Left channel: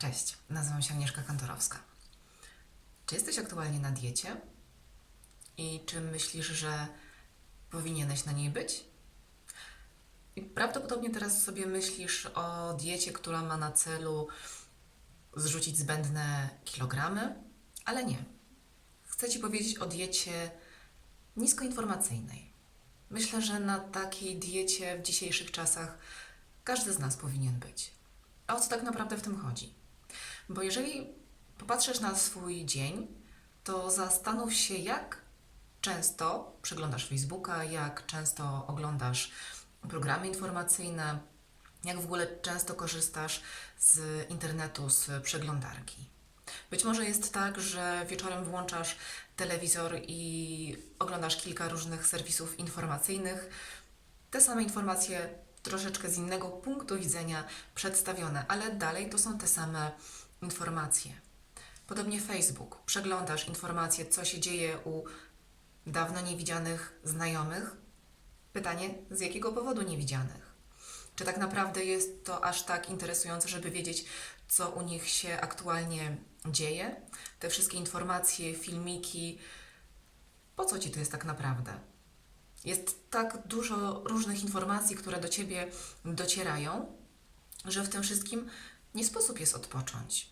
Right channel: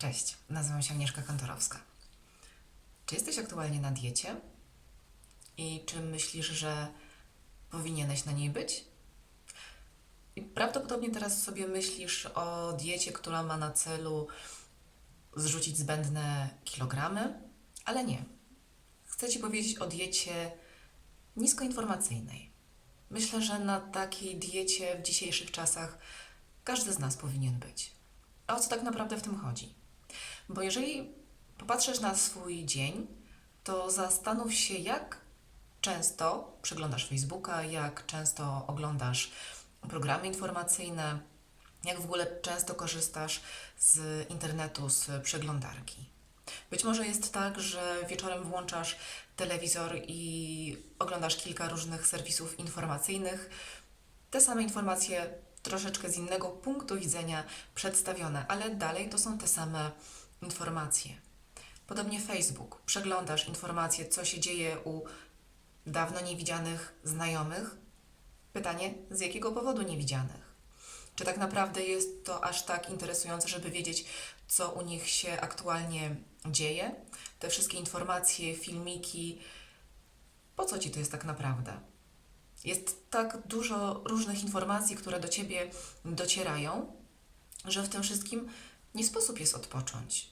Cześć, nazywam się Agnieszka Kantorowska. Czy jesteś aktualnie na diecie? I czy myślisz, że powinieneś na niej być? I prawdopodobnie teraz sobie myślisz o diecie, która ma na celu zrzucić zbędne kilogramy, ale nie. Chcę Ci powiedzieć o diecie niskoinformacyjnej. Myślę, że na takiej diecie w dzisiejszych czasach każdy z nas powinien być. A o co tak naprawdę w tym chodzi? Bo jeżeli popatrzysz na swój dzień, to zastanów się, jak często przeglądasz Facebooka, jak często oglądasz programy informacyjne, jak w ogóle często korzystasz z internetu, z przeglądarki. Być może jest tak, że wieczorem włączasz telewizor i oglądasz kilka różnych serwisów informacyjnych. Te same informacje troszeczkę z innego punktu widzenia przedstawione, ale dalej to są te same informacje. Podobnie Facebook. Przeglądasz informacje, co się dzieje u dawno niewidzianych znajomych. Pytanie, z jakiego powodu niewidzianych? Czy tak naprawdę jest to aż tak interesujące, żeby wiedzieć, co u nich się aktualnie dzieje? Te wszystkie informacje, filmiki, po co ci to jest tak naprawdę? Jest tak dużo różnych informacji, które do ciebie docierają, że w tym wszystkim nie sposób jest odpocząć.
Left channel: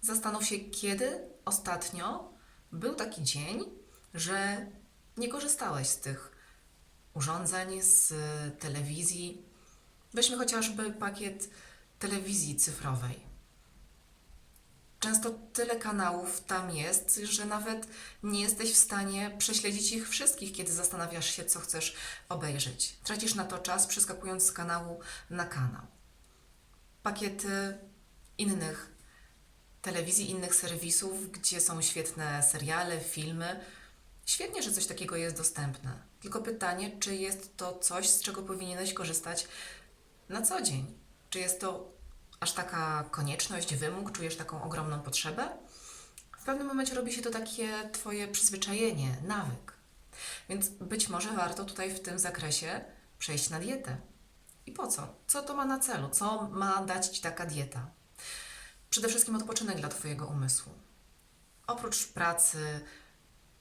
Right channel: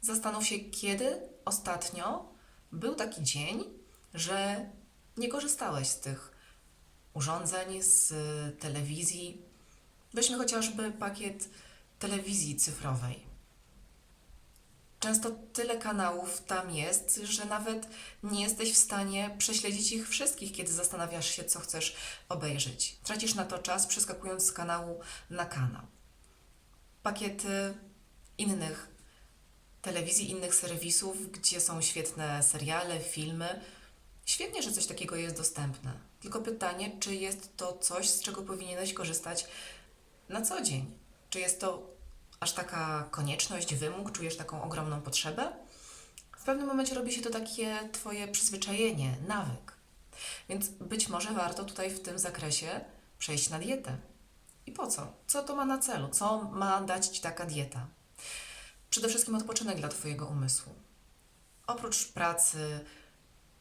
Zastanów się, kiedy ostatnio był taki dzień, że nie korzystałeś z tych urządzeń, z telewizji. Weźmy chociażby pakiet telewizji cyfrowej. Często tyle kanałów tam jest, że nawet nie jesteś w stanie prześledzić ich wszystkich, kiedy zastanawiasz się, co chcesz obejrzeć. Tracisz na to czas, przeskakując z kanału na kanał. Pakiety innych telewizji, innych serwisów, gdzie są świetne seriale, filmy. Świetnie, że coś takiego jest dostępne. Tylko pytanie, czy jest to coś, z czego powinieneś korzystać na co dzień? Czy jest to aż taka konieczność, wymóg, czujesz taką ogromną potrzebę? W pewnym momencie robi się to takie Twoje przyzwyczajenie, nawyk. Więc być może warto tutaj w tym zakresie przejść na dietę. I po co? Co to ma na celu? Co ma dać Ci taka dieta? Przede wszystkim odpoczynek dla Twojego umysłu. Oprócz pracy,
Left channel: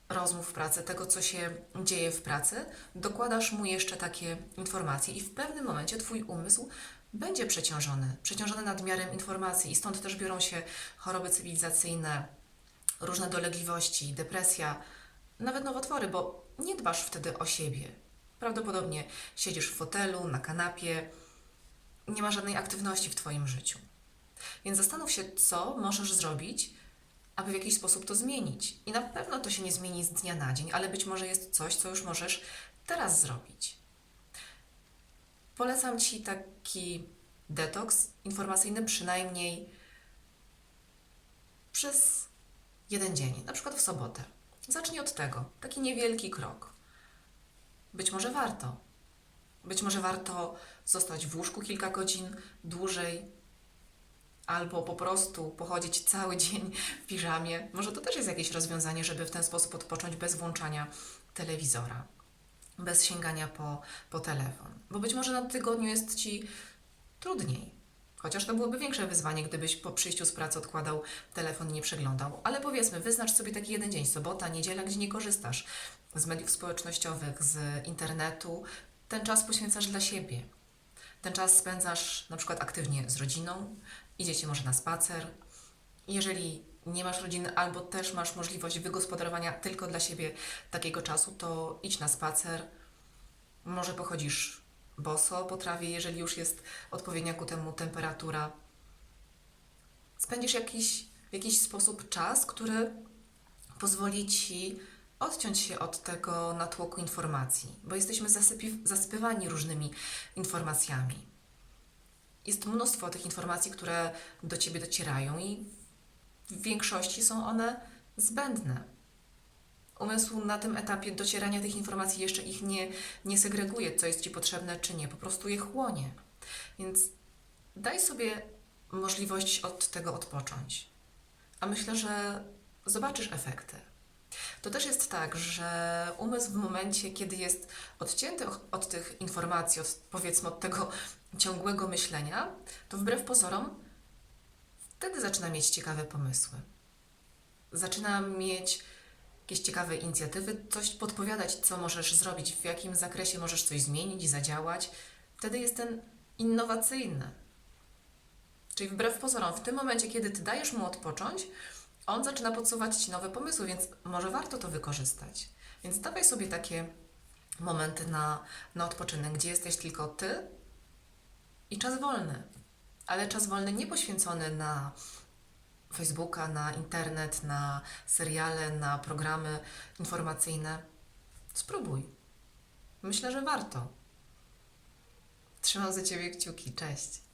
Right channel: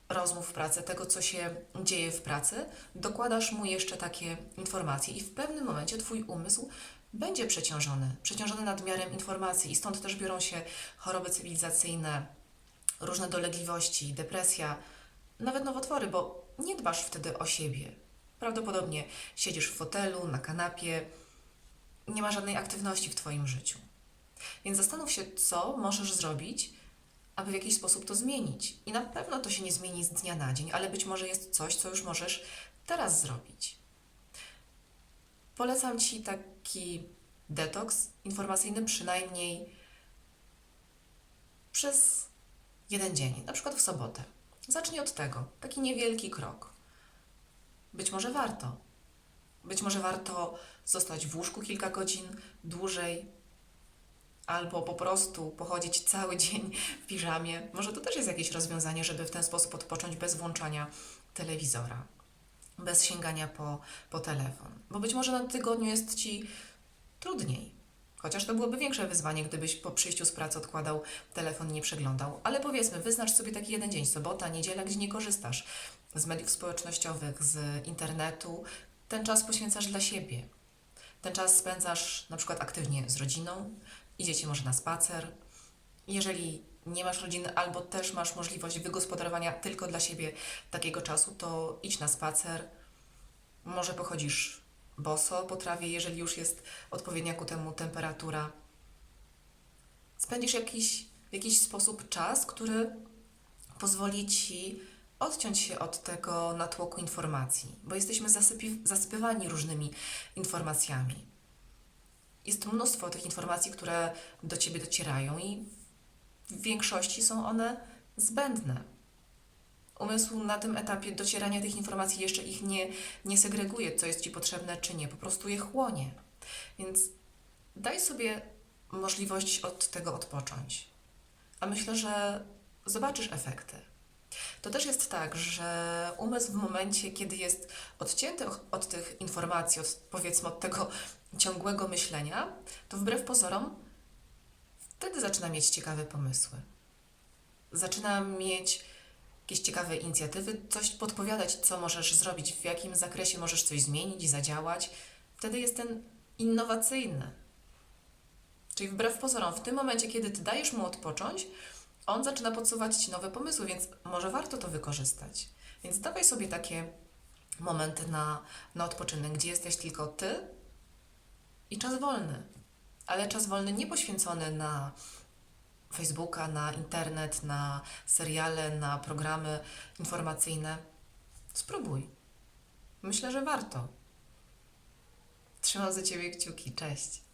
rozmów w pracy, tego, co się dzieje w pracy, dokładasz mu jeszcze takie informacje, i w pewnym momencie Twój umysł będzie przeciążony, przeciążony nadmiarem informacji, i stąd też biorą się choroby cywilizacyjne, różne dolegliwości, depresja, nawet nowotwory, bo nie dbasz wtedy o siebie. Prawdopodobnie siedzisz w fotelu, na kanapie, nie ma żadnej aktywności w Twoim życiu. Więc zastanów się, co możesz zrobić, aby w jakiś sposób to zmienić. I na pewno to się nie zmieni z dnia na dzień, ale być może jest coś, co już możesz teraz zrobić. Polecam Ci taki detoks informacyjny przynajmniej przez jeden dzień, na przykład w sobotę. Zacznij od tego, taki niewielki krok. Być może warto. Być może warto zostać w łóżku kilka godzin dłużej, albo po prostu pochodzić cały dzień w piżamie. Może to też jest jakieś rozwiązanie, żeby w ten sposób odpocząć bez włączania telewizora, bez sięgania po, po telefon. Bo być może na tygodniu jest Ci trudniej. Chociaż to byłoby większe wyzwanie, gdybyś po przyjściu z pracy odkładał telefon i nie przeglądał. Ale powiedzmy, wyznacz sobie taki jeden dzień, sobota, niedziela, gdzie nie korzystasz z mediów społecznościowych, z internetu. Ten czas poświęcasz dla siebie. Ten czas spędzasz na przykład aktywnie z rodziną, idziecie może na spacer. Jeżeli nie masz rodziny albo też masz możliwość wygospodarowania tylko dla siebie takiego czasu, to idź na spacer. Może pochodzisz boso po trawie, jeżeli już jest odpowiednia ku temu temperatura. Spędzisz jakiś, w jakiś sposób czas, który pozwoli ci odciąć się od tego natłoku informacji, bo jesteśmy zasypywani różnymi informacjami. Jest mnóstwo tych informacji, które do ciebie docierają, i w większości są one zbędne. Umysł na tym etapie docierania tych informacji jeszcze ich nie, nie segreguje, co jest ci potrzebne, czy nie, po prostu je chłonie. Więc daj sobie możliwość od tego odpocząć. A myślę, że zobaczysz efekty. To też jest tak, że umysł w momencie, kiedy jest odcięty od tych informacji, od, powiedzmy od tego ciągłego myślenia, to wbrew pozorom wtedy zaczyna mieć ciekawe pomysły. Zaczyna mieć jakieś ciekawe inicjatywy, coś podpowiadać, co możesz zrobić, w jakim zakresie możesz coś zmienić, zadziałać. Wtedy jest ten innowacyjny. Czyli wbrew pozorom, w tym momencie, kiedy ty dajesz mu odpocząć, on zaczyna podsuwać ci nowe pomysły, więc może warto to wykorzystać. Więc dawaj sobie takie momenty na, na odpoczynek, gdzie jesteś tylko ty i czas wolny. Ale czas wolny nie poświęcony na Facebooka, na internet, na seriale, na programy informacyjne. Spróbuj. Myślę, że warto. Trzymam za ciebie kciuki. Cześć.